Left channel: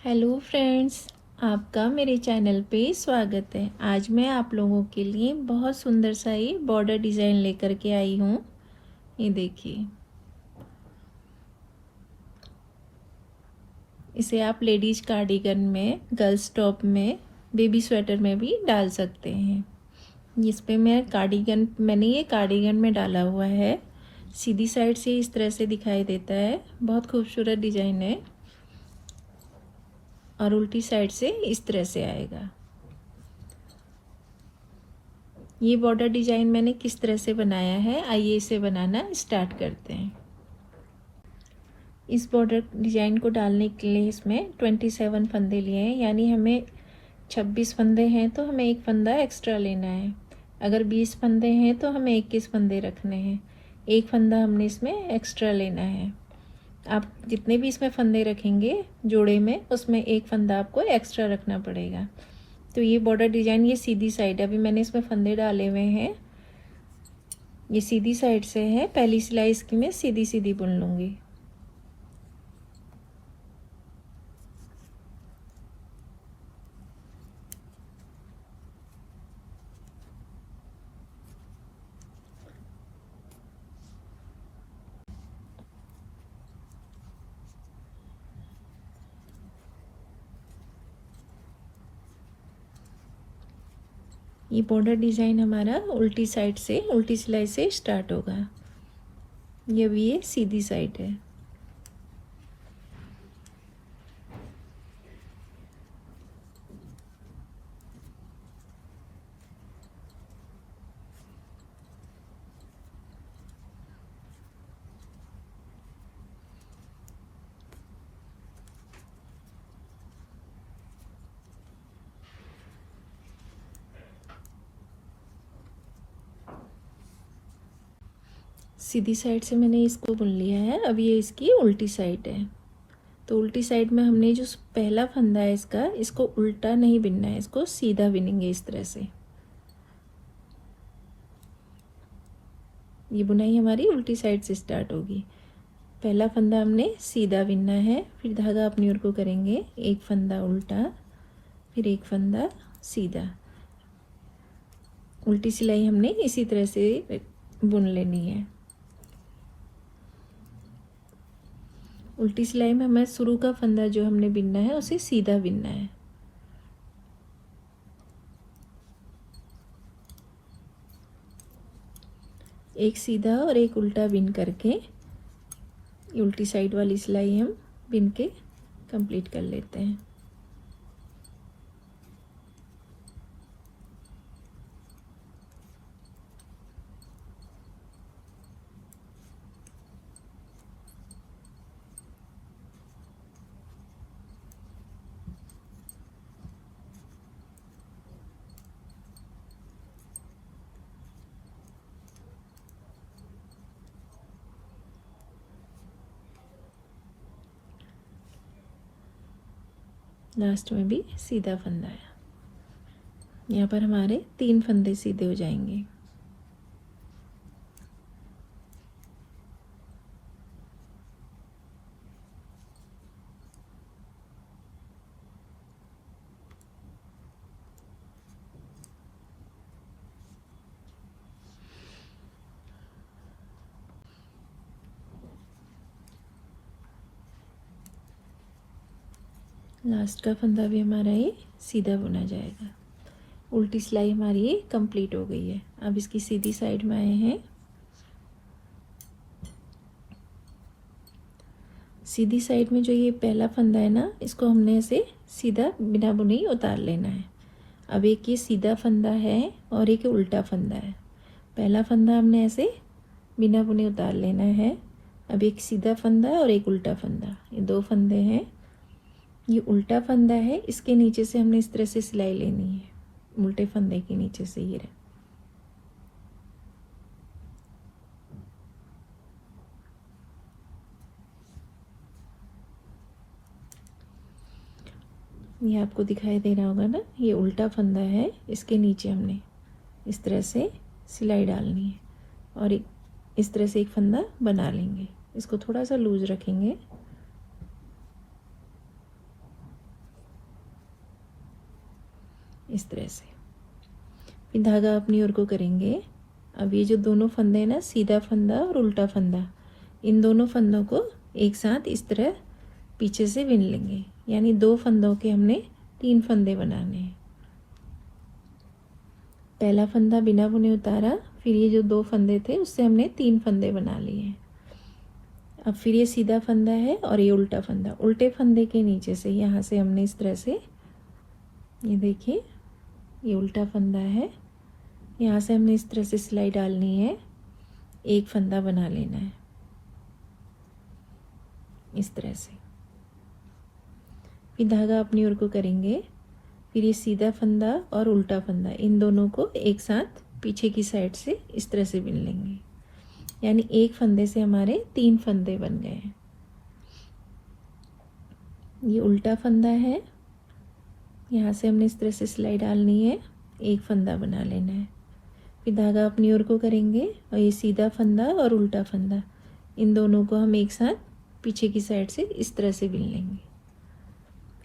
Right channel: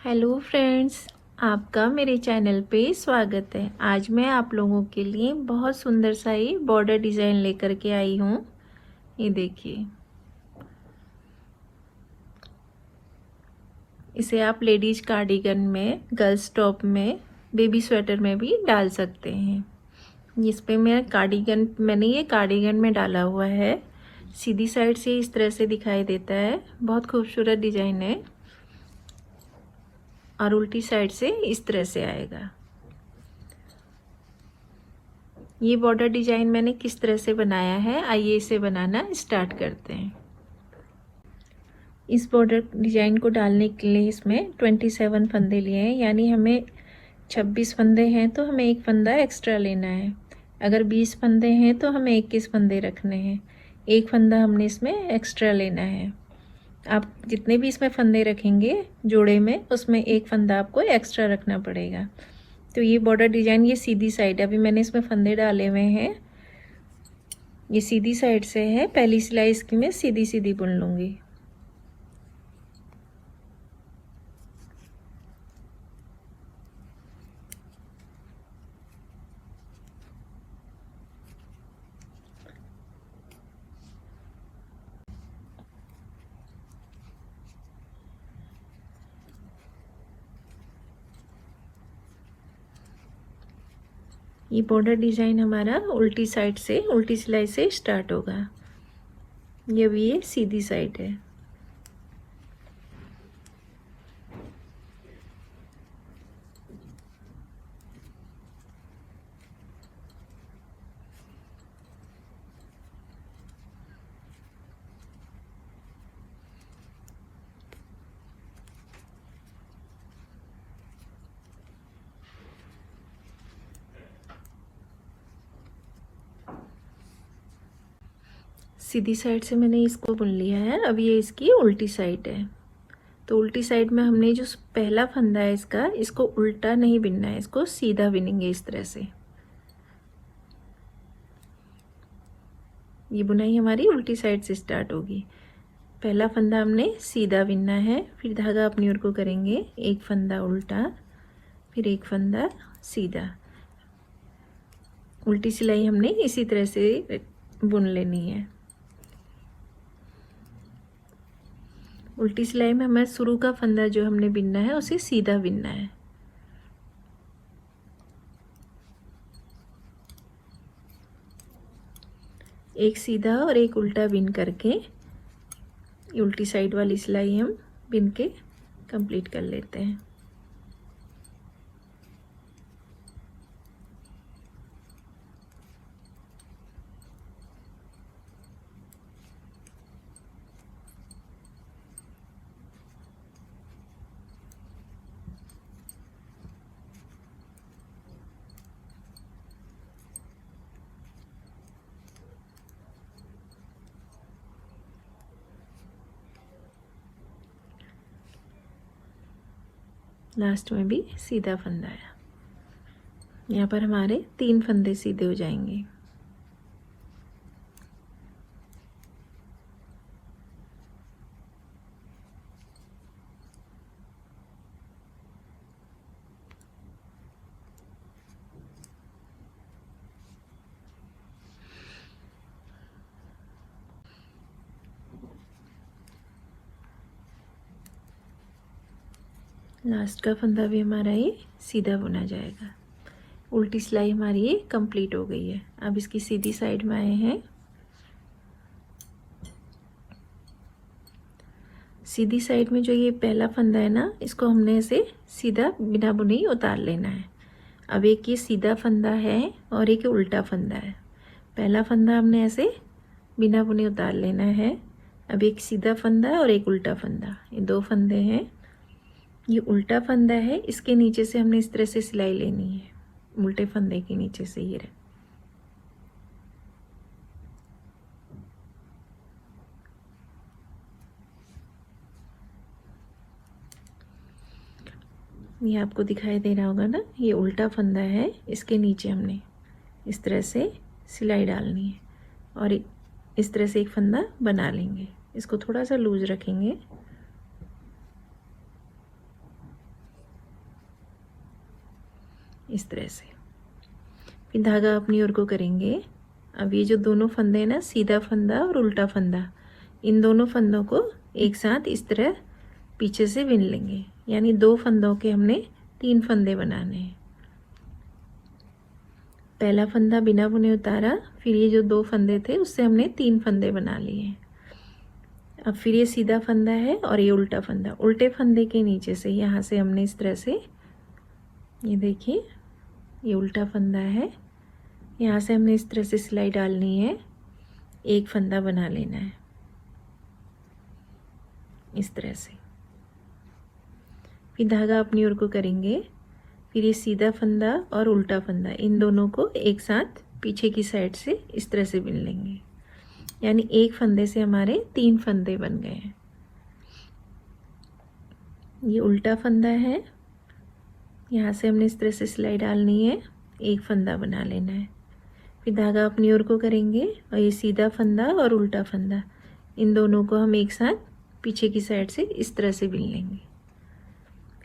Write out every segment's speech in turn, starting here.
Hello friends, आपका मेरे channel पे स्वागत है। आज मैं आप लोगों के लिए बहुत सुंदर सा ये बॉर्डर डिजाइन लेकर के आई हूँ। ये देखिए, इसे आप लेडीज कार्डिगन में, गर्ल्स टॉप में, बेबी स्वेटर में भी डाल सकते हैं। इस पे मैंने ये कार्डिगन में डाला हुआ है। सीधी साइड से इस तरह से दिखाई देता है, बहुत खूबसूरत डिजाइन है। और उल्टी साइड से इस तरह से आएगा। ये बॉर्डर डिजाइन मैंने किस तरह से बनाया है, आइए इसे बनाना स्टार्ट करते हैं। इस बॉर्डर डिजाइन को डालने के लिए इसमें 27 फंदे लिए हैं, यानी हमें 26 फंदे हैं तो हमें एक फंदा एक्स्ट्रा लेना है। अगर 20 फंदे हैं तो हमें 21 फंदे रखने हैं। एक फंदा हमने इसमें एक्स्ट्रा लेना है। आप जितने भी इसमें फंदे रखेंगे जोड़े में, उसमें एक फंदा आपको एक्स्ट्रा रखना पड़ेगा। तो ये बॉर्डर डिजाइन, ये सीधी साइड है। अभी मैंने इसमें फंदे डाले हुए हैं, ये सीधी साइड से है। पहली सिलाई इसकी मैं सीधी सीधी बुन लूंगी। ये बॉर्डर डिजाइन हमारा उल्टी साइड से, उल्टी सिलाई से स्टार्ट होगा। ये भी ये सीधी साइड है। सीधी साइड से मैंने इसको बुन लिया है। अब ये इसकी उल्टी साइड है। तो उल्टी साइड में हमने जो पहला फंदा है इसका, इसको उल्टा नहीं बिनना है, इसको सीधा बिनेंगे इस तरह से। ये बुनाई हमारी उल्टी साइड से स्टार्ट होगी। पहला फंदा हमने सीधा बिनना है, फिर धागा अपनी ओर को करेंगे, एक फंदा उल्टा, फिर एक फंदा सीधा। उल्टी सिलाई हमने इसी तरह से बुन लेनी है। उल्टी सिलाई में हमें शुरू का फंदा जो हमने बिनना है उसे सीधा बिनना है। एक सीधा और एक उल्टा बिन करके उल्टी साइड वाली सिलाई हम बिन के कंप्लीट कर लेते हैं। लास्ट में भी सीधा फंदा है। यहाँ पर हमारे 3 फंदे सीधे हो जाएंगे। लास्ट का फंदा भी हमारा ये सीधा बुना जाएगा। उल्टी सिलाई हमारी ये कंप्लीट हो गई है। अब इसकी सीधी साइड में आए हैं। सीधी साइड में जो ये पहला फंदा है ना, इसको हमने ऐसे सीधा बिना बुने ही उतार लेना है। अब एक ये सीधा फंदा है और एक उल्टा फंदा है। पहला फंदा हमने ऐसे बिना बुने उतार लेना है। अब एक सीधा फंदा और एक उल्टा फंदा, ये 2 फंदे हैं। ये उल्टा फंदा है, इसके नीचे से हमने इस तरह से सिलाई लेनी है, उल्टे फंदे के नीचे से। ये आपको दिखाई दे रहा होगा ना, ये उल्टा फंदा है, इसके नीचे हमने इस तरह से सिलाई डालनी है और इस तरह से एक फंदा बना लेंगे। इसको थोड़ा सा लूज रखेंगे। इस तरह से। फिर धागा अपनी ओर को करेंगे। अब ये जो दोनों फंदे हैं ना, सीधा फंदा और उल्टा फंदा, इन दोनों फंदों को एक साथ इस तरह पीछे से बिन लेंगे। यानी 2 फंदों के हमने 3 फंदे बनाने हैं। पहला फंदा बिना बुने उतारा, फिर ये जो 2 फंदे थे उससे हमने 3 फंदे बना लिए। अब फिर ये सीधा फंदा है और ये उल्टा फंदा। उल्टे फंदे के नीचे से यहाँ से हमने इस तरह से, ये देखिए ये उल्टा फंदा है, यहाँ से हमने इस तरह से सिलाई डालनी है, एक फंदा बना लेना है इस तरह से। फिर धागा अपनी ओर को करेंगे। फिर ये सीधा फंदा और उल्टा फंदा, इन दोनों को एक साथ पीछे की साइड से इस तरह से बिन लेंगे। यानी एक फंदे से हमारे 3 फंदे बन गए हैं। ये उल्टा फंदा है, यहाँ से हमने इस तरह से सिलाई डालनी है, एक फंदा बना लेना है। फिर धागा अपनी ओर को करेंगे और ये सीधा फंदा और उल्टा फंदा, इन दोनों को हम एक साथ पीछे की साइड से इस तरह से बिन लेंगे।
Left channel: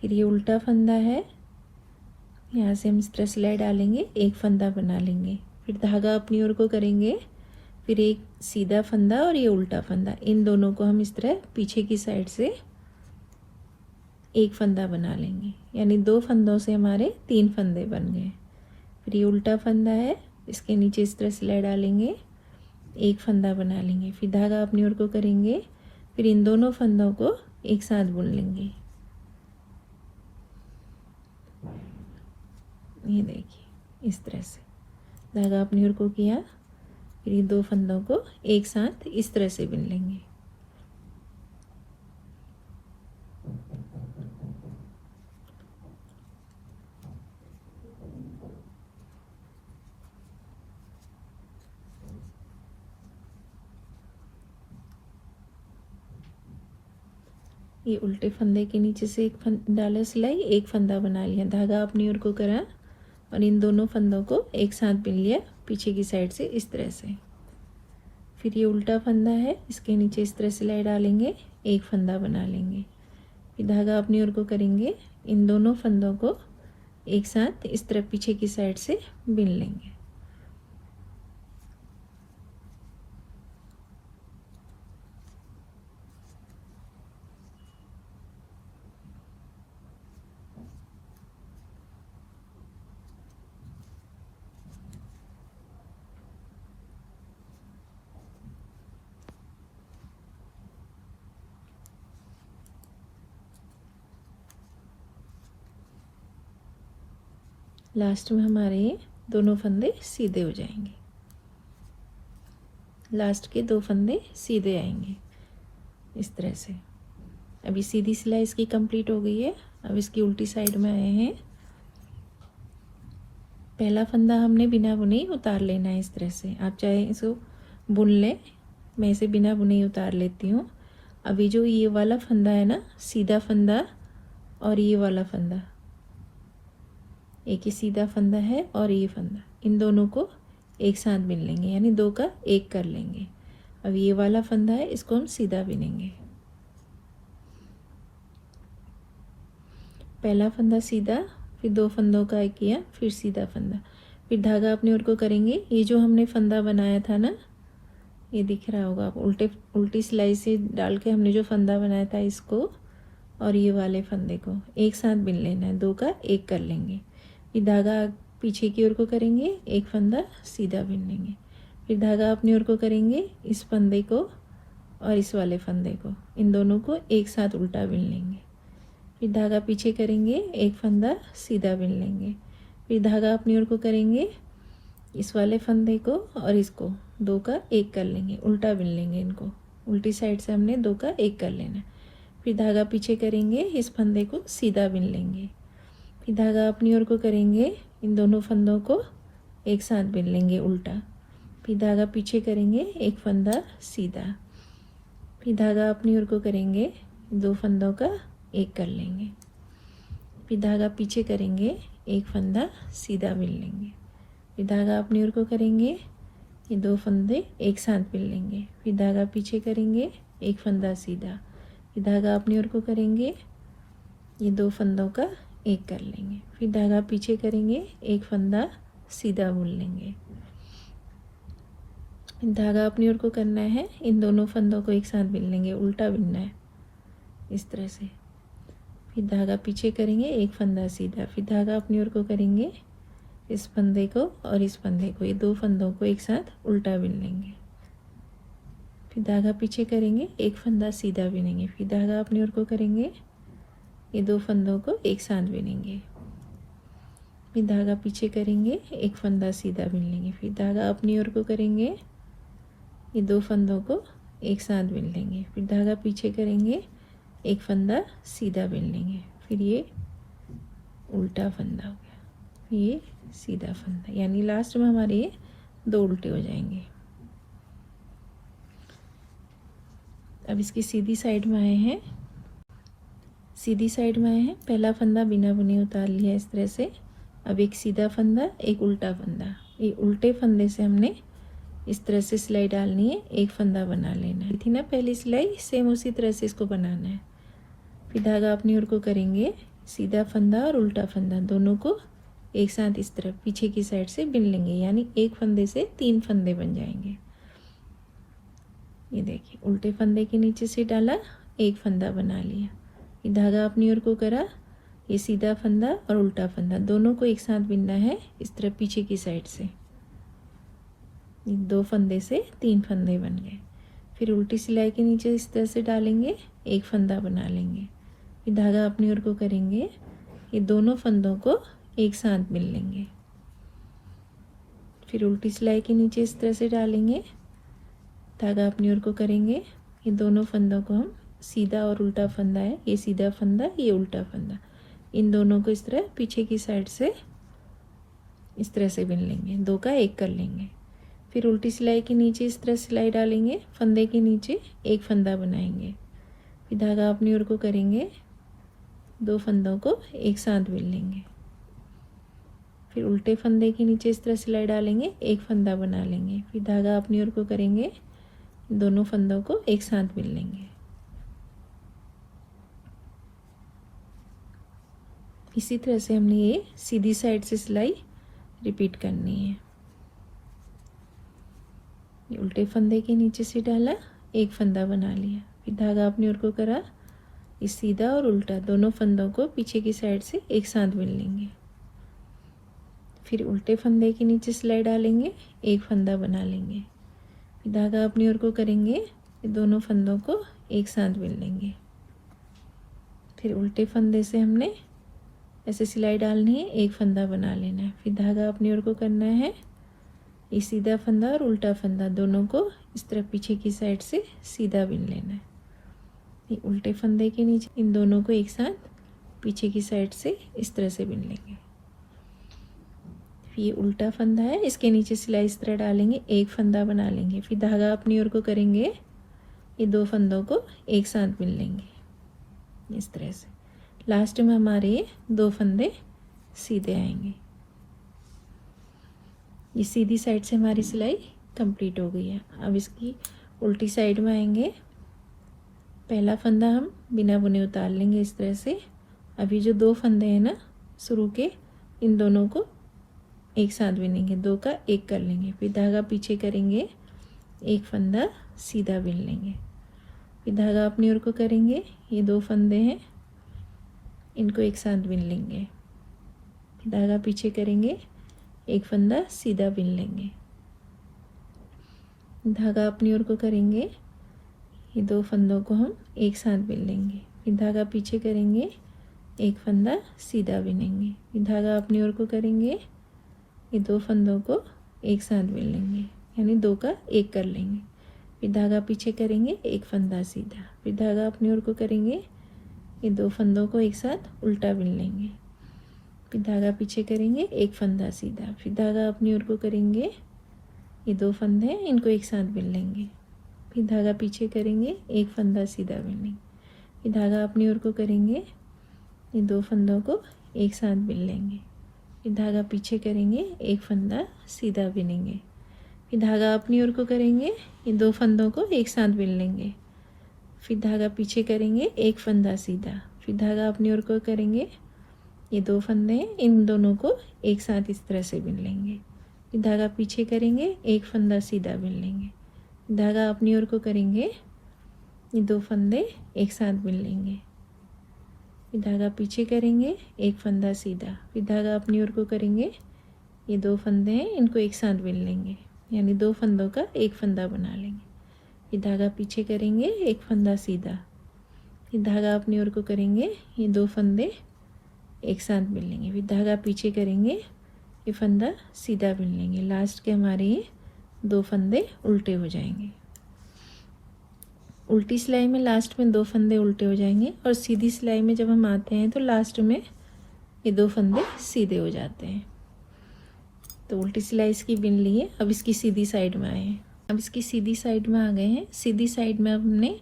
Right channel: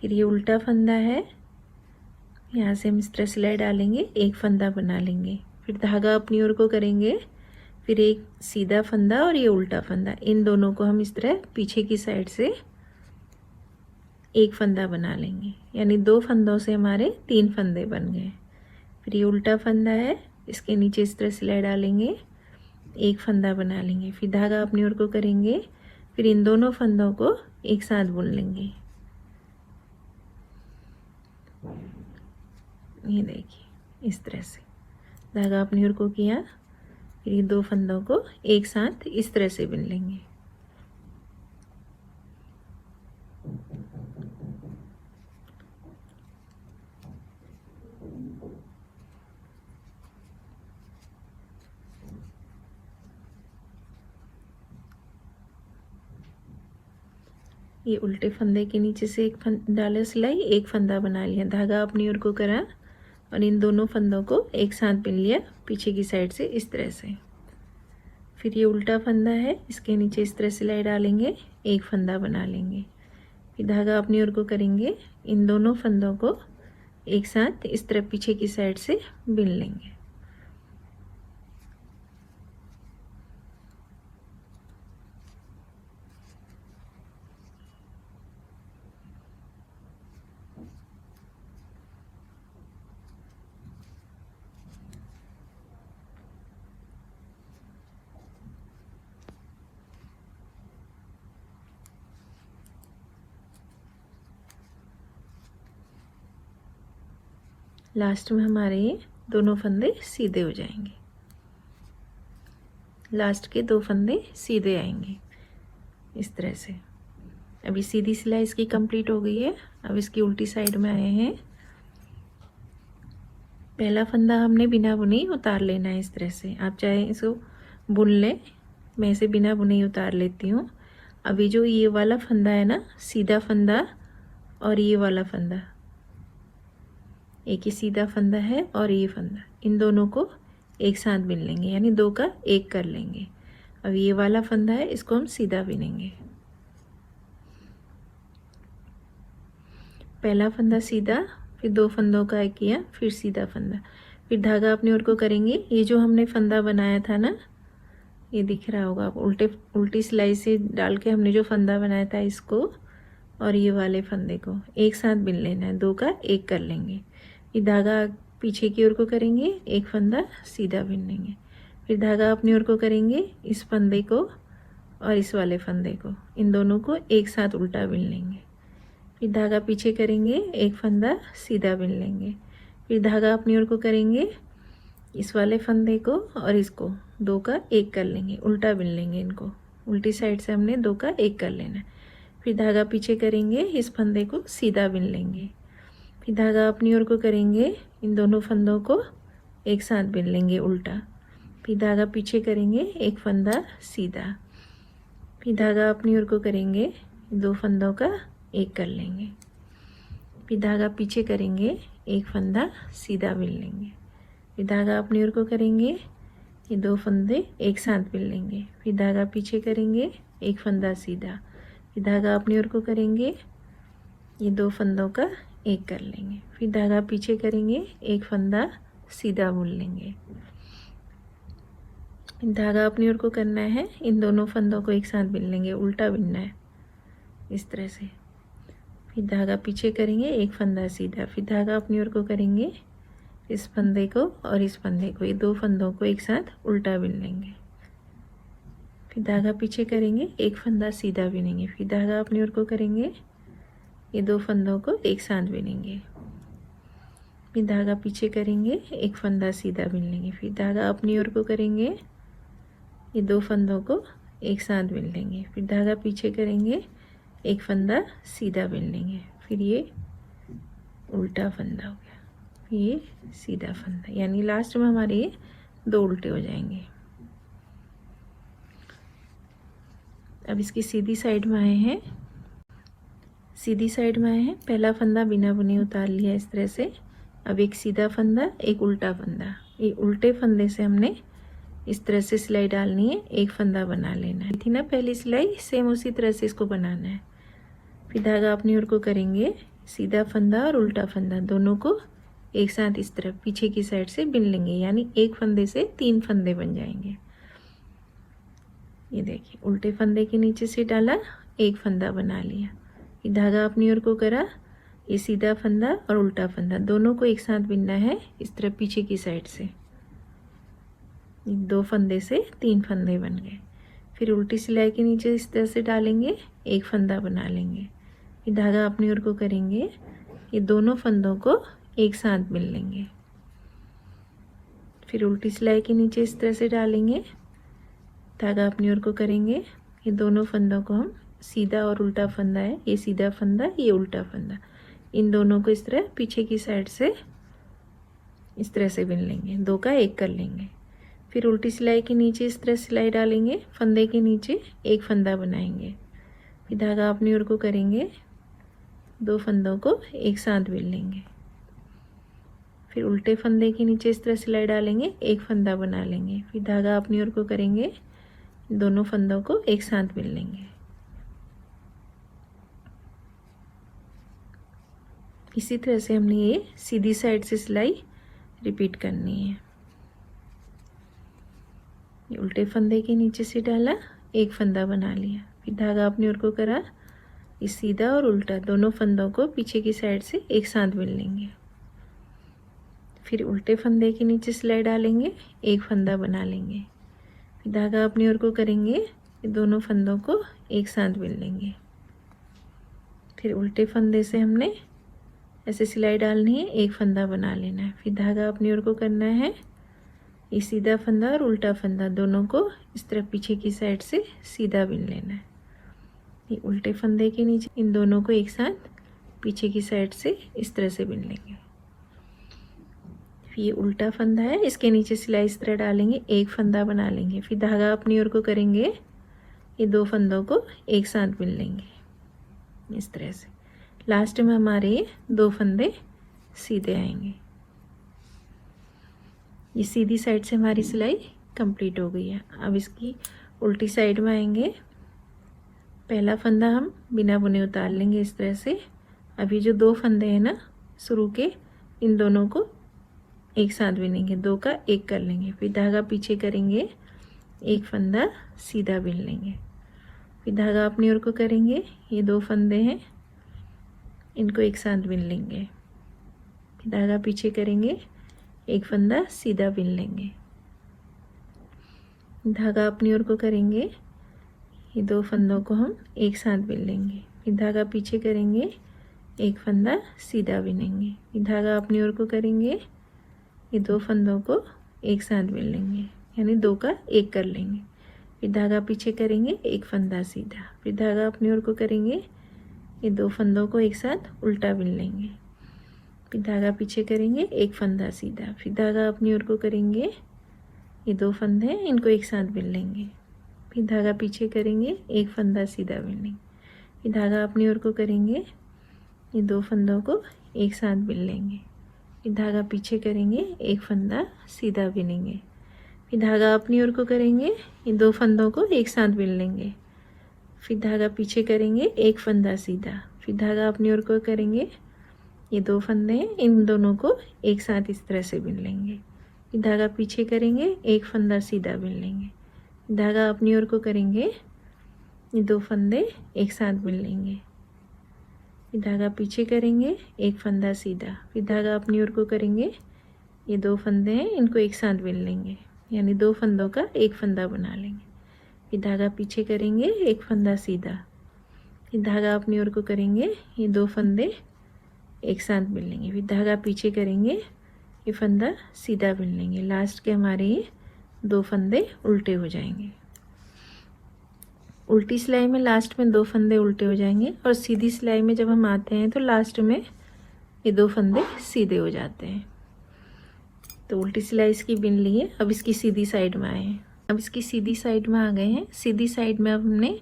फिर ये उल्टा फंदा है, यहाँ से हम इस तरह सिलाई डालेंगे, एक फंदा बना लेंगे। फिर धागा अपनी ओर को करेंगे। फिर एक सीधा फंदा और ये उल्टा फंदा, इन दोनों को हम इस तरह पीछे की साइड से एक फंदा बना लेंगे। यानी 2 फंदों से हमारे 3 फंदे बन गए। फिर ये उल्टा फंदा है, इसके नीचे इस तरह सिलाई डालेंगे, एक फंदा बना लेंगे। फिर धागा अपनी ओर को करेंगे। फिर इन दोनों फंदों को एक साथ बुन लेंगे। ये देखिए इस तरह से धागा अपनी ओर को किया। फिर ये 2 फंदों को एक साथ इस तरह से बिन लेंगे। ये उल्टे फंदे के नीचे से एक डाला सिलाई, एक फंदा बना लिया, धागा अपनी ओर को करा और इन दोनों फंदों को एक साथ बिन लिया पीछे की साइड से इस तरह से। फिर ये उल्टा फंदा है, इसके नीचे इस तरह सिलाई डालेंगे, एक फंदा बना लेंगे। फिर धागा अपनी ओर को करेंगे, इन दोनों फंदों को एक साथ इस तरह पीछे की साइड से बिन लेंगे। लास्ट में हमारे ये दोनों फंदे सीधे हो जाएंगे। लास्ट के 2 फंदे सीधे आएंगे इस तरह से। अभी सीधी सिलाई इसकी कंप्लीट हो गई है। अब इसकी उल्टी साइड में आए हैं। पहला फंदा हमने बिना बुने ही उतार लेना है इस तरह से। आप चाहे इसको बुन लें, मैं इसे बिना बुने ही उतार लेती हूँ। अभी जो ये वाला फंदा है ना, सीधा फंदा और ये वाला फंदा, एक ही सीधा फंदा है और ये फंदा, इन दोनों को एक साथ बिन लेंगे, यानी 2 का 1 कर लेंगे। अब ये वाला फंदा है, इसको हम सीधा बिनेंगे। पहला फंदा सीधा, फिर 2 फंदों का 1 किया, फिर सीधा फंदा, फिर धागा अपनी ओर को करेंगे। ये जो हमने फंदा बनाया था ना, ये दिख रहा होगा आप, उल्टी सिलाई से डाल के हमने जो फंदा बनाया था, इसको और ये वाले फंदे को एक साथ बिन लेना है, 2 का 1 कर लेंगे। फिर धागा पीछे की ओर को करेंगे, एक फंदा सीधा बिन लेंगे। फिर धागा अपनी ओर को करेंगे, इस फंदे को और इस वाले फंदे को, इन दोनों को एक साथ उल्टा बिन लेंगे। फिर धागा पीछे करेंगे, एक फंदा सीधा बिन लेंगे। फिर धागा अपनी ओर को करेंगे, इस वाले फंदे को और इसको 2 का 1 कर लेंगे, उल्टा बिन लेंगे। इनको उल्टी साइड से हमने 2 का 1 कर लेना है। फिर धागा पीछे करेंगे, इस फंदे को सीधा बिन लेंगे। फिर धागा अपनी ओर को करेंगे, इन दोनों फंदों को एक साथ बिन लेंगे उल्टा। फिर धागा पीछे करेंगे, एक फंदा सीधा। फिर धागा अपनी ओर को करेंगे, 2 फंदों का 1 कर लेंगे। फिर धागा पीछे करेंगे, एक फंदा सीधा बिन लेंगे। फिर धागा अपनी ओर को करेंगे, ये 2 फंदे एक साथ बिन लेंगे। फिर धागा पीछे करेंगे, एक फंदा सीधा। फिर धागा अपनी ओर को करेंगे, ये 2 फंदों का एक कर लेंगे, फिर धागा पीछे करेंगे, एक फंदा सीधा बुन लेंगे। धागा अपनी ओर को करना है, इन दोनों फंदों को एक साथ बिन लेंगे, उल्टा बिनना है इस तरह से। फिर धागा पीछे करेंगे, एक फंदा सीधा, फिर धागा अपनी ओर को करेंगे, इस फंदे को और इस फंदे को, ये दो फंदों को एक साथ उल्टा बिन लेंगे। फिर धागा पीछे करेंगे, एक फंदा सीधा बिनेंगे, फिर धागा अपनी ओर को करेंगे, ये दो फंदों को एक साथ बिनेंगे। फिर धागा पीछे करेंगे, एक फंदा सीधा बिन लेंगे, फिर धागा अपनी ओर को करेंगे, ये दो फंदों को एक साथ बिन लेंगे, फिर धागा पीछे करेंगे, एक फंदा सीधा बिन लेंगे, फिर ये उल्टा फंदा हो गया, ये सीधा फंदा, यानी लास्ट में हमारे ये दो उल्टे हो जाएंगे। अब इसकी सीधी साइड में आए हैं, सीधी साइड में आए हैं, पहला फंदा बिना बुने उतार लिया इस तरह से। अब एक सीधा फंदा, एक उल्टा फंदा, ये उल्टे फंदे से हमने इस तरह से सिलाई डालनी है, एक फंदा बना लेना है। थी ना पहली सिलाई, सेम उसी तरह से इसको बनाना है। फिर धागा अपनी ओर को करेंगे, सीधा फंदा और उल्टा फंदा दोनों को एक साथ इस तरह पीछे की साइड से बिन लेंगे, यानी एक फंदे से तीन फंदे बन जाएंगे। ये देखिए, उल्टे फंदे के नीचे से डाला, एक फंदा बना लिया, फिर धागा अपनी ओर को करा, ये सीधा फंदा और उल्टा फंदा दोनों को एक साथ बिनना है इस तरह पीछे की साइड से। दो फंदे से तीन फंदे बन गए। फिर उल्टी सिलाई के नीचे इस तरह से डालेंगे, एक फंदा बना लेंगे, फिर धागा अपनी ओर को करेंगे, ये दोनों फंदों को एक साथ बिन लेंगे। फिर उल्टी सिलाई के नीचे इस तरह से डालेंगे, धागा अपनी ओर को करेंगे, ये दोनों फंदों को हम, सीधा और उल्टा फंदा है, ये सीधा फंदा, ये उल्टा फंदा, इन दोनों को इस तरह पीछे की साइड से इस तरह से बिन लेंगे, दो का एक कर लेंगे। फिर उल्टी सिलाई के नीचे इस तरह सिलाई डालेंगे, फंदे के नीचे एक फंदा बनाएंगे, फिर धागा अपनी ओर को करेंगे, दो फंदों को एक साथ बिन लेंगे। फिर उल्टे फंदे के नीचे इस तरह सिलाई डालेंगे, एक फंदा बना लेंगे, फिर धागा अपनी ओर को करेंगे, दोनों फंदों को एक साथ बिन लेंगे। इसी तरह से हमने ये सीधी साइड से सिलाई रिपीट करनी है। उल्टे फंदे के नीचे से डाला, एक फंदा बना लिया, फिर धागा अपनी ओर को करा, इस सीधा और उल्टा दोनों फंदों को पीछे की साइड से एक साथ बिन लेंगे। फिर उल्टे फंदे के नीचे सिलाई डालेंगे, एक फंदा बना लेंगे, फिर धागा अपनी ओर को करेंगे, दोनों फंदों को एक साथ बिन लेंगे। फिर उल्टे फंदे से हमने ऐसे सिलाई डालनी है, एक फंदा बना लेना है, फिर धागा अपनी ओर को करना है, ये सीधा फंदा और उल्टा फंदा दोनों को इस तरह पीछे की साइड से सीधा बिन लेना है। ये उल्टे फंदे के नीचे इन दोनों को एक साथ पीछे की साइड से इस तरह से बिन लेंगे। ये उल्टा फंदा है, इसके नीचे सिलाई इस तरह डालेंगे, एक फंदा बना लेंगे, फिर धागा अपनी ओर को करेंगे, ये दो फंदों को एक साथ बिन लेंगे इस तरह से। लास्ट में हमारे दो फंदे सीधे आएंगे। ये सीधी साइड से हमारी सिलाई कंप्लीट हो गई है। अब इसकी उल्टी साइड में आएंगे, पहला फंदा हम बिना बुने उतार लेंगे इस तरह से। अभी जो दो फंदे हैं ना शुरू के, इन दोनों को एक साथ बिनेंगे, दो का एक कर लेंगे, फिर धागा पीछे करेंगे, एक फंदा सीधा बिन लेंगे, फिर धागा अपनी ओर को करेंगे, ये दो फंदे हैं इनको एक साथ बिन लेंगे, फिर धागा पीछे करेंगे, एक फंदा सीधा बिन लेंगे, धागा अपनी ओर को करेंगे, ये दो फंदों को हम एक साथ बिन लेंगे, फिर धागा पीछे करेंगे, एक फंदा सीधा बिनेंगे, फिर धागा अपनी ओर को करेंगे, ये दो फंदों को एक साथ बिन लेंगे, यानी दो का एक कर लेंगे, फिर धागा पीछे करेंगे, एक फंदा सीधा, फिर धागा अपनी ओर को करेंगे, ये दो फंदों को एक साथ उल्टा बिन लेंगे, फिर धागा पीछे करेंगे, एक फंदा सीधा, फिर धागा अपनी ओर को करेंगे, ये दो फंदे हैं इनको एक साथ बिन लेंगे, फिर धागा पीछे करेंगे, एक फंदा सीधा बिन लेंगे, फिर धागा अपनी ओर को करेंगे, ये दो फंदों को एक साथ बिन लेंगे, फिर धागा पीछे करेंगे, एक फंदा सीधा बिनेंगे, फिर धागा अपनी ओर को करेंगे, ये दो फंदों को एक साथ बिन लेंगे, फिर धागा पीछे करेंगे, एक फंदा सीधा, फिर धागा अपनी ओर को करेंगे, ये 2 फंदे हैं, इन दोनों को एक साथ इस तरह से बिन लेंगे। धागा पीछे करेंगे, एक फंदा सीधा बिन लेंगे। धागा अपनी ओर को करेंगे, ये 2 फंदे एक साथ बिन लेंगे। धागा पीछे करेंगे, एक फंदा सीधा, फिर धागा अपनी ओर को करेंगे, ये 2 फंदे हैं, इनको एक साथ बिन लेंगे, यानी 2 फंदों का एक फंदा बना लेंगे। फिर धागा पीछे करेंगे, एक फंदा सीधा, फिर धागा अपनी ओर को करेंगे, ये 2 फंदे एक साथ बिन लेंगे। फिर धागा पीछे करेंगे, ये फंदा सीधा बिन लेंगे। लास्ट के हमारे ये 2 फंदे उल्टे हो जाएंगे। उल्टी सिलाई में लास्ट में 2 फंदे उल्टे हो जाएंगे, और सीधी सिलाई में जब हम आते हैं तो लास्ट में ये 2 फंदे सीधे हो जाते हैं। तो उल्टी सिलाई इसकी बिन ली है। अब इसकी सीधी साइड में आए हैं। अब इसकी सीधी साइड में आ गए हैं। सीधी साइड में अब हमने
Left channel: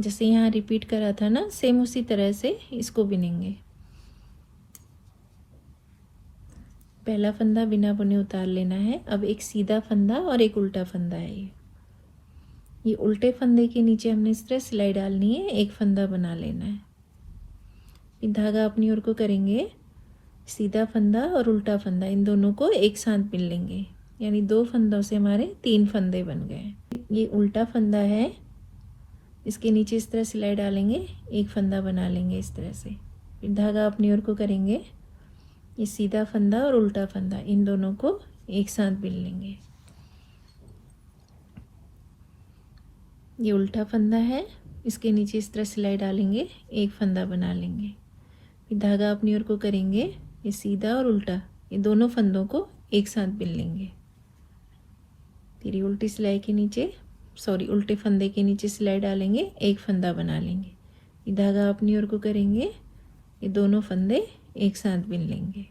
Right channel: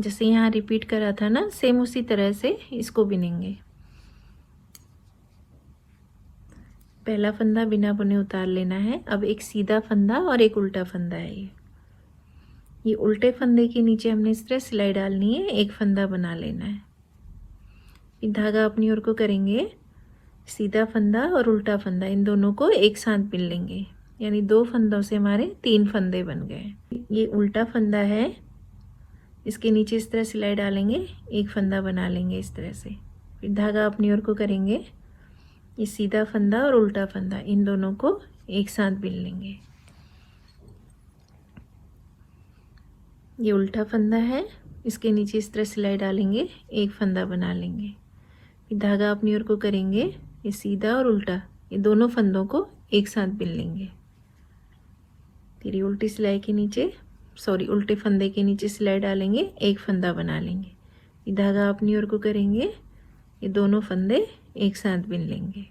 जैसे यहाँ रिपीट करा था ना, सेम उसी तरह से इसको बिनेंगे। पहला फंदा बिना बुने उतार लेना है। अब एक सीधा फंदा और एक उल्टा फंदा है। ये उल्टे फंदे के नीचे हमने इस तरह सिलाई डालनी है, एक फंदा बना लेना है। ये धागा अपनी ओर को करेंगे, सीधा फंदा और उल्टा फंदा इन दोनों को एक साथ बिन लेंगे, यानी 2 फंदों से हमारे 3 फंदे बन गए। ये उल्टा फंदा है, इसके नीचे इस तरह सिलाई डालेंगे, एक फंदा बना लेंगे इस तरह से। फिर धागा अपनी ओर को करेंगे, ये सीधा फंदा और उल्टा फंदा इन दोनों को एक साथ बिन लेंगे। ये उल्टा फंदा है, इसके नीचे इस तरह सिलाई डालेंगे, एक फंदा बना लेंगे। फिर धागा अपनी ओर को करेंगे, ये सीधा और उल्टा ये दोनों फंदों को एक साथ बिन लेंगे। फिर ये उल्टी सिलाई के नीचे उल्टे फंदे के नीचे सिलाई डालेंगे, एक फंदा बना लेंगे। ये धागा अपनी ओर को करेंगे, ये दोनों फंदे एक साथ बिन लेंगे।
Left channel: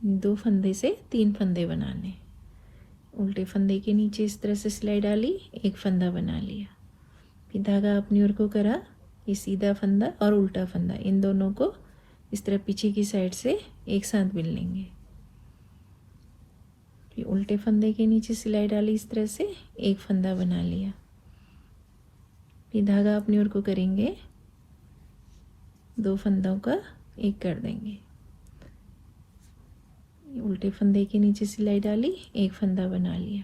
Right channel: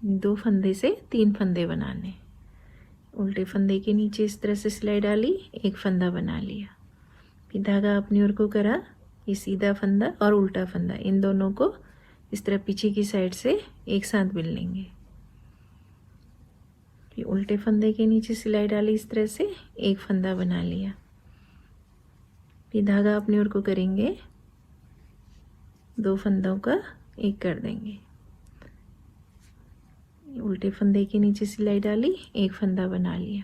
दो फंदे से 3 फंदे बनाने। उल्टे फंदे के नीचे इस तरह से सिलाई डाली, एक फंदा बना लिया। फिर धागा अपनी ओर को करा, ये सीधा फंदा और उल्टा फंदा इन दोनों को इस तरह पीछे की साइड से एक साथ बिन लेंगे। फिर उल्टे फंदे के नीचे सिलाई डाली, इस तरह से एक फंदा बना लिया। फिर धागा अपनी ओर को करेंगे, 2 फंदों का एक कर देंगे। उल्टे फंदे के नीचे सिलाई डाली, एक फंदा बना लिया।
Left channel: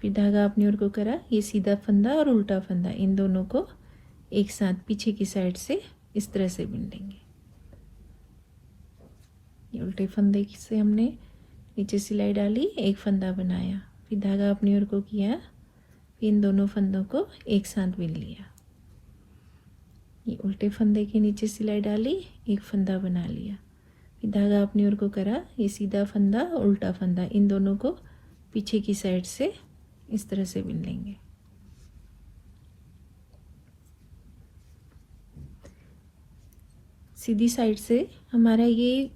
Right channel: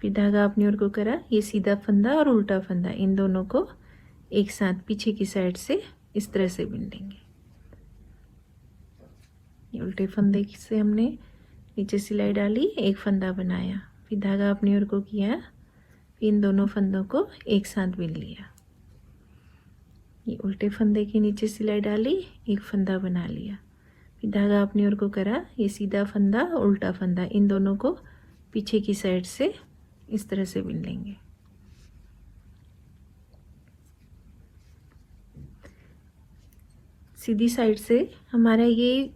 फिर धागा अपनी ओर को करा, ये सीधा फंदा और उल्टा फंदा इन दोनों को एक साथ पीछे की साइड से इस तरह से बिन देंगे। ये उल्टे फंदे से हमने नीचे सिलाई डाली, एक फंदा बनाया। फिर धागा अपनी ओर को किया, इन दोनों फंदों को एक साथ बिन लिया। ये उल्टे फंदे के नीचे सिलाई डाली, एक फंदा बना लिया। फिर धागा अपनी ओर को करा, ये सीधा फंदा उल्टा फंदा इन दोनों को पीछे की साइड से इस तरह से बिन लेंगे। सीधी साइड से हमारा ये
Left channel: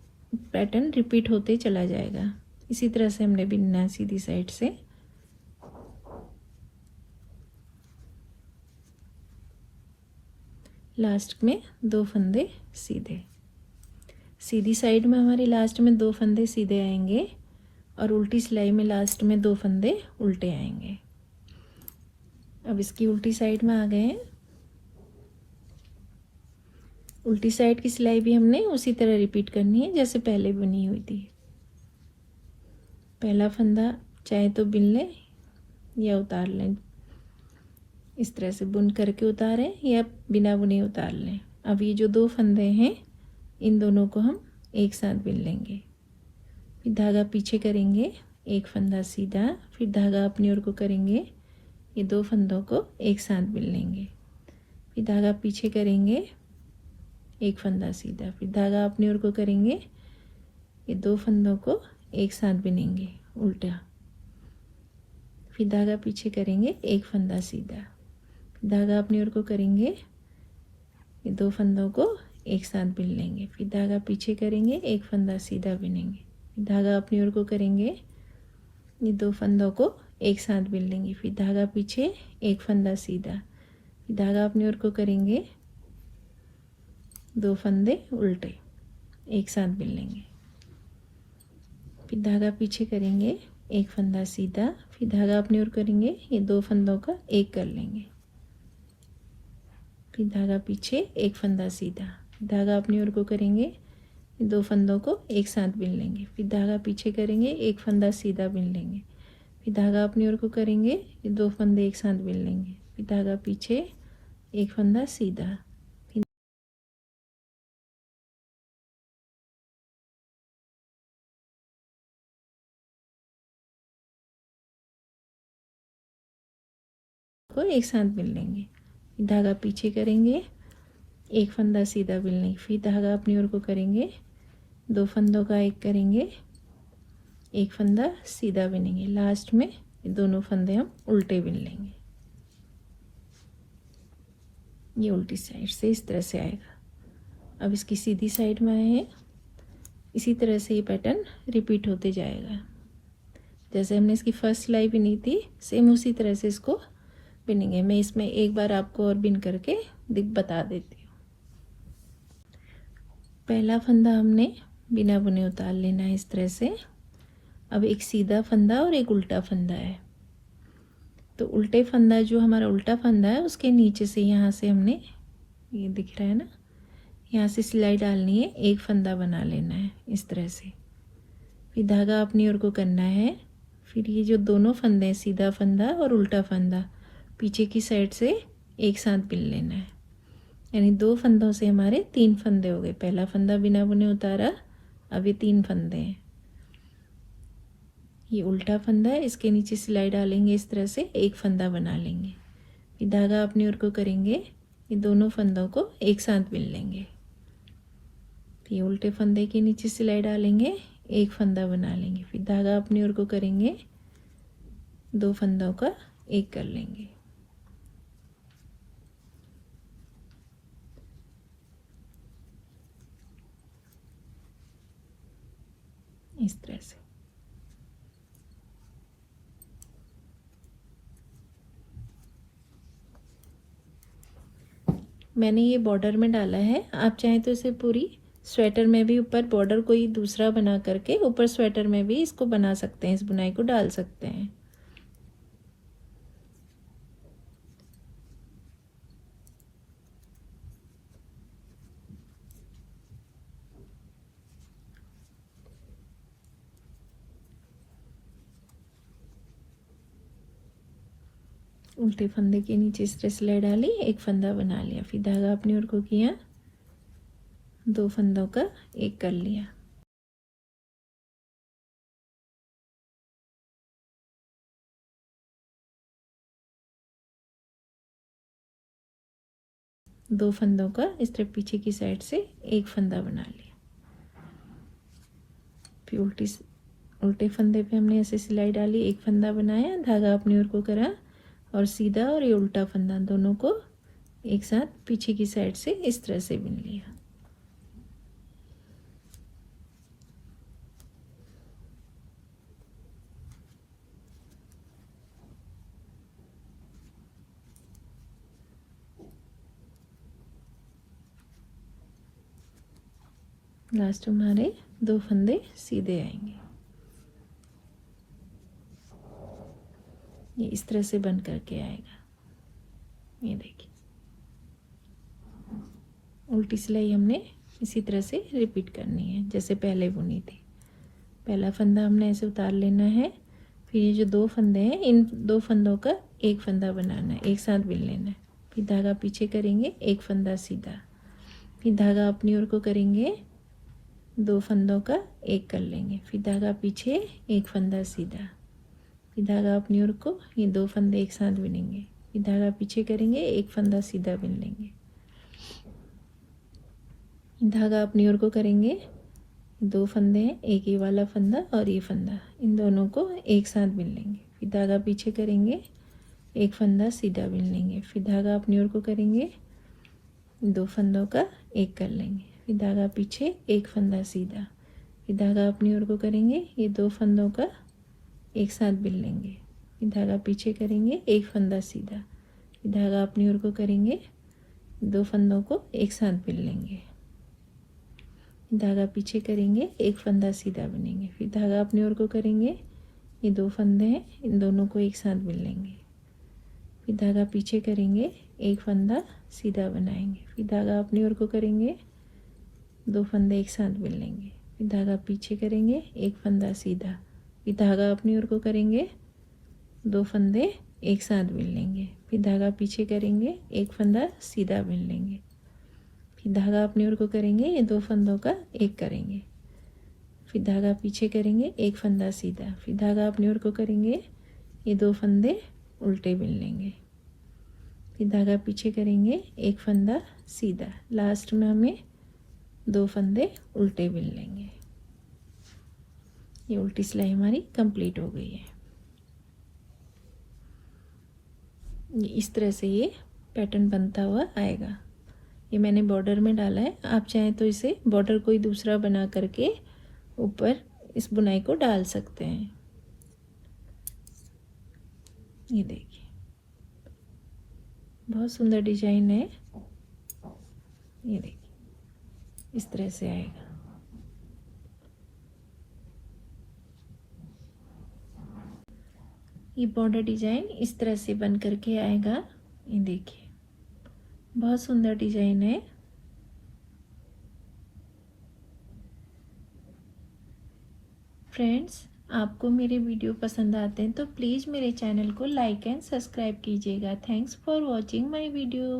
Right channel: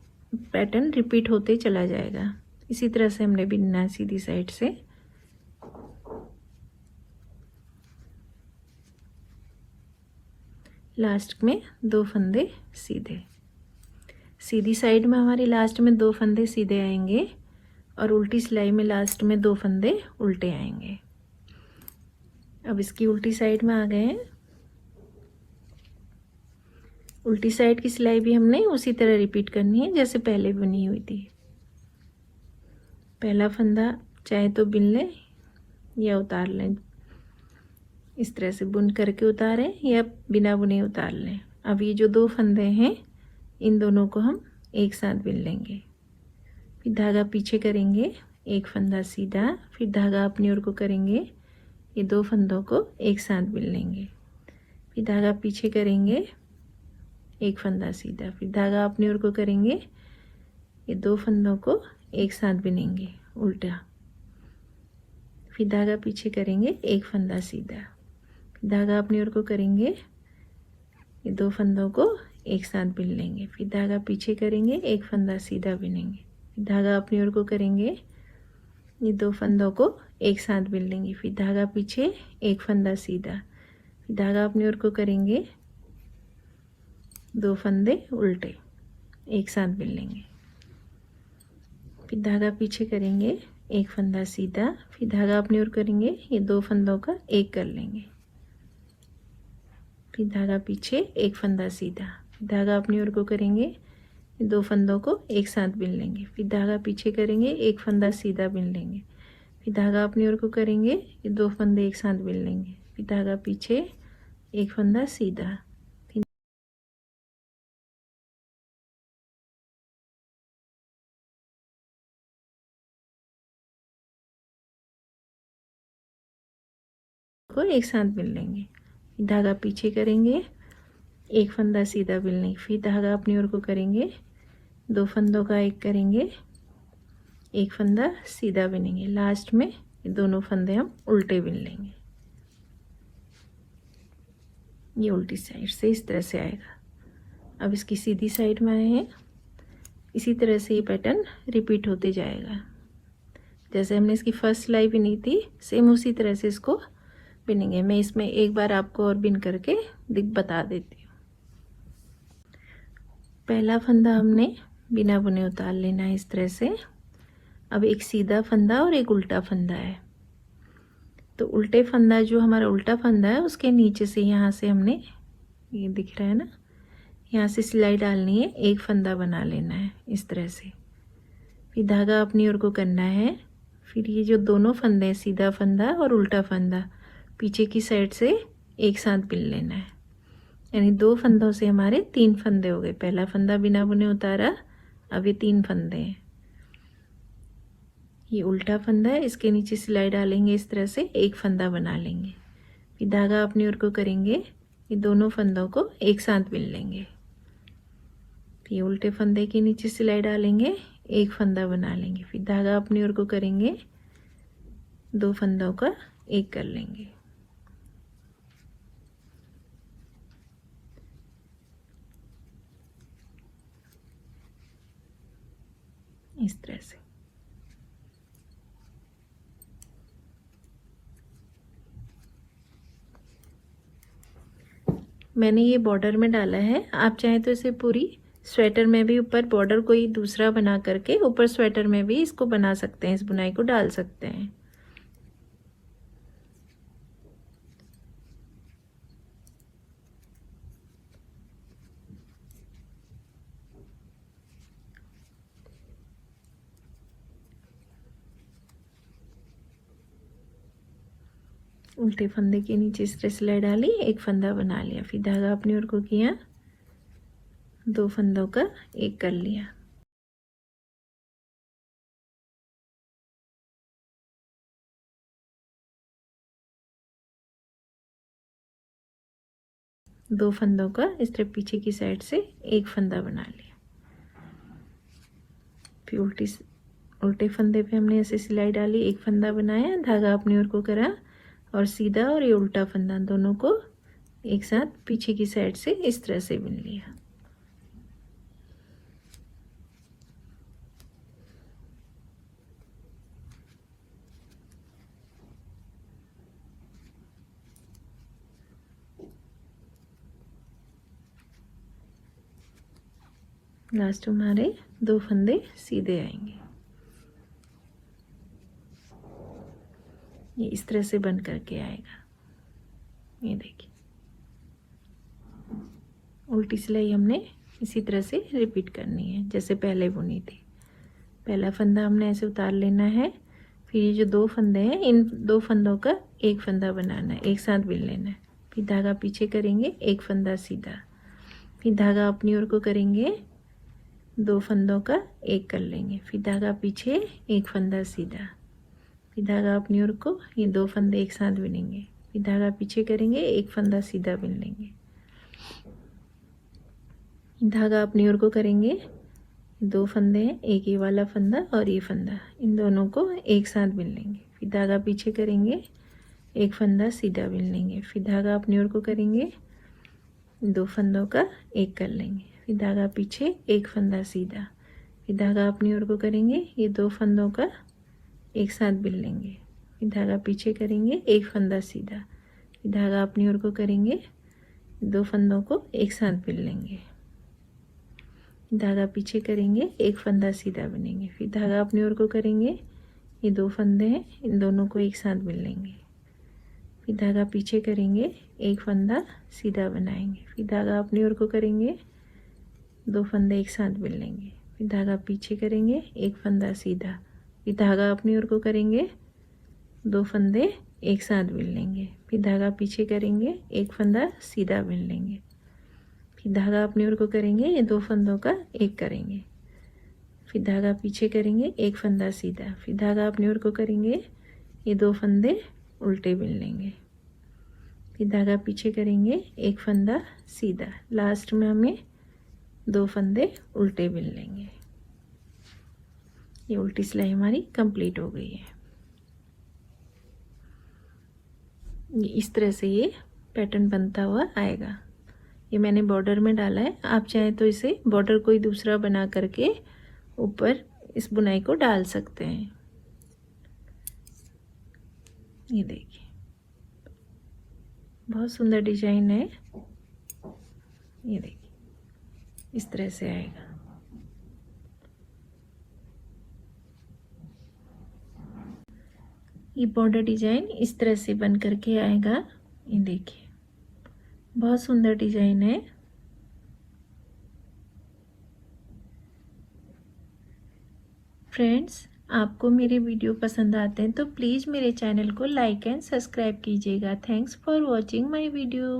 पैटर्न रिपीट होते चला जाएगा। इसी तरह से हमने बिनना है सीधी साइड से। लास्ट में 2 फंदे सीधे। सीधी साइड में हमारे लास्ट में 2 फंदे सीधे आएंगे और उल्टी सिलाई में लास्ट में 2 फंदे उल्टे आएंगे। अब इसकी उल्टी साइड में आ गए हैं। उल्टी साइड की सिलाई भी हमने उसी तरह रिपीट करनी है जैसे पहले बनी हुई थी। पहला फंदा चाहे तो बिन लें या उतार लें, इस तरह से बुन करके उतारें या बिना बुने उतार लें। अब ये जो 2 फंदे हैं इन दोनों को हम एक साथ बिन लेंगे। फिर धागा पीछे करेंगे, एक फंदा सीधा, फिर धागा अपनी ओर को करेंगे, ये 2 फंदों को एक साथ बिन लेंगे। फिर धागा पीछे करेंगे, एक फंदा सीधा, फिर धागा अपनी ओर को करेंगे, ये 2 फंदों को एक साथ बिनेंगे उल्टा। फिर धागा पीछे करेंगे, एक फंदा सीधा, धागा अपनी ओर को करेंगे, ये 2 फंदों को एक साथ बिन लेंगे। फिर धागा पीछे करेंगे, एक फंदा सीधा बिनेंगे। धागा अपनी ओर को करेंगे, ये 2 फंदों को एक साथ बिन लेंगे। फिर धागा पीछे, एक फंदा सीधा, फिर धागा अपनी ओर को करेंगे, 2 फंदे उल्टे एक साथ बिन लेंगे। फिर धागा पीछे करेंगे, एक फंदा सीधा, फिर धागा अपनी ओर करेंगे, ये 2 फंदों का एक कर लेंगे, फिर धागा पीछे, एक फंदा सीधा, फिर धागा अपनी ओर को करेंगे, 2 फंदों को एक साथ बिन लेंगे, फिर धागा पीछे करेंगे, एक फंदा सीधा बिन लेंगे, फिर धागा अपनी ओर को करेंगे, ये 2 फंदे एक साथ बिन लेंगे, फिर धागा पीछे, एक फंदा सीधा, को एक साथ बिन लेंगे, धागा पीछे करेंगे, एक फंदा सीधा बिन लेंगे, फिर धागा अपनी ओर को करेंगे, 2 फंदों का एक करेंगे, एक फंदा सीधा बिनेंगे, लास्ट में दोनों फंदे हम उल्टे बिन लेंगे। ये उल्टी साइड से इस तरह से आएगा। अब इसकी सीधी साइड में आए हैं, इसी तरह से ये पैटर्न रिपीट होते जाएगा। जैसे हमने इसकी फर्स्ट सिलाई बिनी थी, सेम उसी तरह से इसको बिनेंगे। मैं इसमें एक बार आपको और बिन करके बता देती हूँ। पहला फंदा हमने बिना बुने उतार लेना है इस तरह से। अब एक सीधा फंदा और एक उल्टा फंदा है, तो उल्टे फंदा जो हमारा उल्टा फंदा है उसके नीचे से यहाँ से हमने, ये दिख रहा है ना, यहाँ से सिलाई डालनी है, एक फंदा बना लेना है इस तरह से, फिर धागा अपनी ओर को करना है, फिर ये जो दोनों फंदे हैं, सीधा फंदा और उल्टा फंदा, पीछे की साइड से एक साथ बिन लेना है, यानी 2 फंदों से हमारे 3 फंदे हो गए। पहला फंदा बिना बुने उतारा, अब ये 3 फंदे हैं। ये उल्टा फंदा है, इसके नीचे सिलाई डालेंगे इस तरह से, एक फंदा बना लेंगे, फिर धागा अपनी ओर को करेंगे, ये दोनों फंदों को एक साथ बिन लेंगे, फिर उल्टे फंदे के नीचे सिलाई डालेंगे, एक फंदा बना लेंगे, फिर धागा अपनी ओर को करेंगे, 2 फंदों का एक कर लेंगे। इस तरह से मैंने ये बॉर्डर में डाला है। आप चाहें तो इसे पूरी स्वेटर में भी ऊपर बॉर्डर कोई दूसरा बना करके ऊपर स्वेटर में भी इसको बना सकते हैं, इस बुनाई को डाल सकते हैं। उल्टे फंदे के नीचे इस तरह सिलाई डाली, एक फंदा बना लिया, फिर धागा अपनी ओर को किया, 2 फंदों का एक कर लिया, दो फंदों का इस तरह पीछे की साइड से एक फंदा बना लिया, फिर उल्टे फंदे पे हमने ऐसे सिलाई डाली, एक फंदा बनाया, धागा अपनी ओर को करा और सीधा और ये उल्टा फंदा दोनों को एक साथ पीछे की साइड से इस तरह से बुन लिया। लास्ट में हमारे 2 फंदे सीधे आएंगे। ये इस तरह से बन करके आएगा। ये देखिए, उल्टी सिलाई हमने इसी तरह से रिपीट करनी है जैसे पहले बुनी थी। पहला फंदा हमने ऐसे उतार लेना है, फिर ये जो 2 फंदे हैं, इन 2 फंदों का एक फंदा बनाना है, एक साथ बिन लेना है, फिर धागा पीछे करेंगे, एक फंदा सीधा, फिर धागा अपनी ओर को करेंगे, 2 फंदों का एक कर लेंगे, फिर धागा पीछे, एक फंदा सीधा, फिर धागा अपनी ओर को, ये 2 फंदे एक साथ बिनेंगे, फिर धागा पीछे करेंगे, एक फंदा सीधा बिन लेंगे, धागा अपनी ओर को करेंगे, 2 फंदे हैं, एक ये वाला फंदा और ये फंदा, इन दोनों को एक साथ बिन लेंगे, फिर धागा पीछे करेंगे, एक फंदा सीधा बिन लेंगे, फिर धागा अपनी ओर को करेंगे, 2 फंदों का एक कर लेंगे, फिर धागा पीछे, एक फंदा सीधा, फिर धागा अपनी ओर को करेंगे, ये 2 फंदों का एक साथ बिन लेंगे, फिर धागा पीछे करेंगे, एक फंदा सीधा, फिर धागा अपनी ओर को करेंगे, 2 फंदों को एक साथ बिन लेंगे, धागा पीछे करेंगे, एक फंदा सीधा बनेंगे, फिर धागा अपनी ओर को करेंगे, ये 2 फंदे हैं, इन दोनों को एक साथ बिन लेंगे। फिर धागा पीछे करेंगे, एक फंदा सीधा बनाएंगे, फिर धागा अपनी ओर को करेंगे, 2 फंदे एक साथ बिन लेंगे, फिर धागा पीछे करेंगे, एक फंदा सीधा, फिर धागा अपनी ओर को करेंगे, 2 फंदे एक साथ बिन लेंगे, फिर धागा पीछे करेंगे, एक फंदा सीधा बिन लेंगे, फिर धागा अपनी ओर को करेंगे, ये 2 फंदों का एक करेंगे, फिर धागा पीछे करेंगे, एक फंदा सीधा, फिर धागा अपनी ओर को करेंगे, ये 2 फंदे उल्टे बिन लेंगे, फिर धागा पीछे करेंगे, एक फंदा सीधा, लास्ट में हमें 2 फंदे उल्टे बिन लेंगे। ये उल्टी सिलाई हमारी कंप्लीट हो गई है। इस तरह से ये पैटर्न बनता हुआ आएगा। ये मैंने बॉर्डर में डाला है, आप चाहें तो इसे बॉर्डर कोई दूसरा बना करके ऊपर इस बुनाई को डाल सकते हैं। ये देखिए बहुत सुंदर डिजाइन है। ये देखिए इस तरह से आएगा। ये बॉर्डर डिजाइन इस तरह से बन करके आएगा। ये देखिए बहुत सुंदर डिजाइन है। फ्रेंड्स, आपको मेरे वीडियो पसंद आते हैं तो प्लीज़ मेरे चैनल को लाइक एंड सब्सक्राइब कीजिएगा। Thanks for watching my video.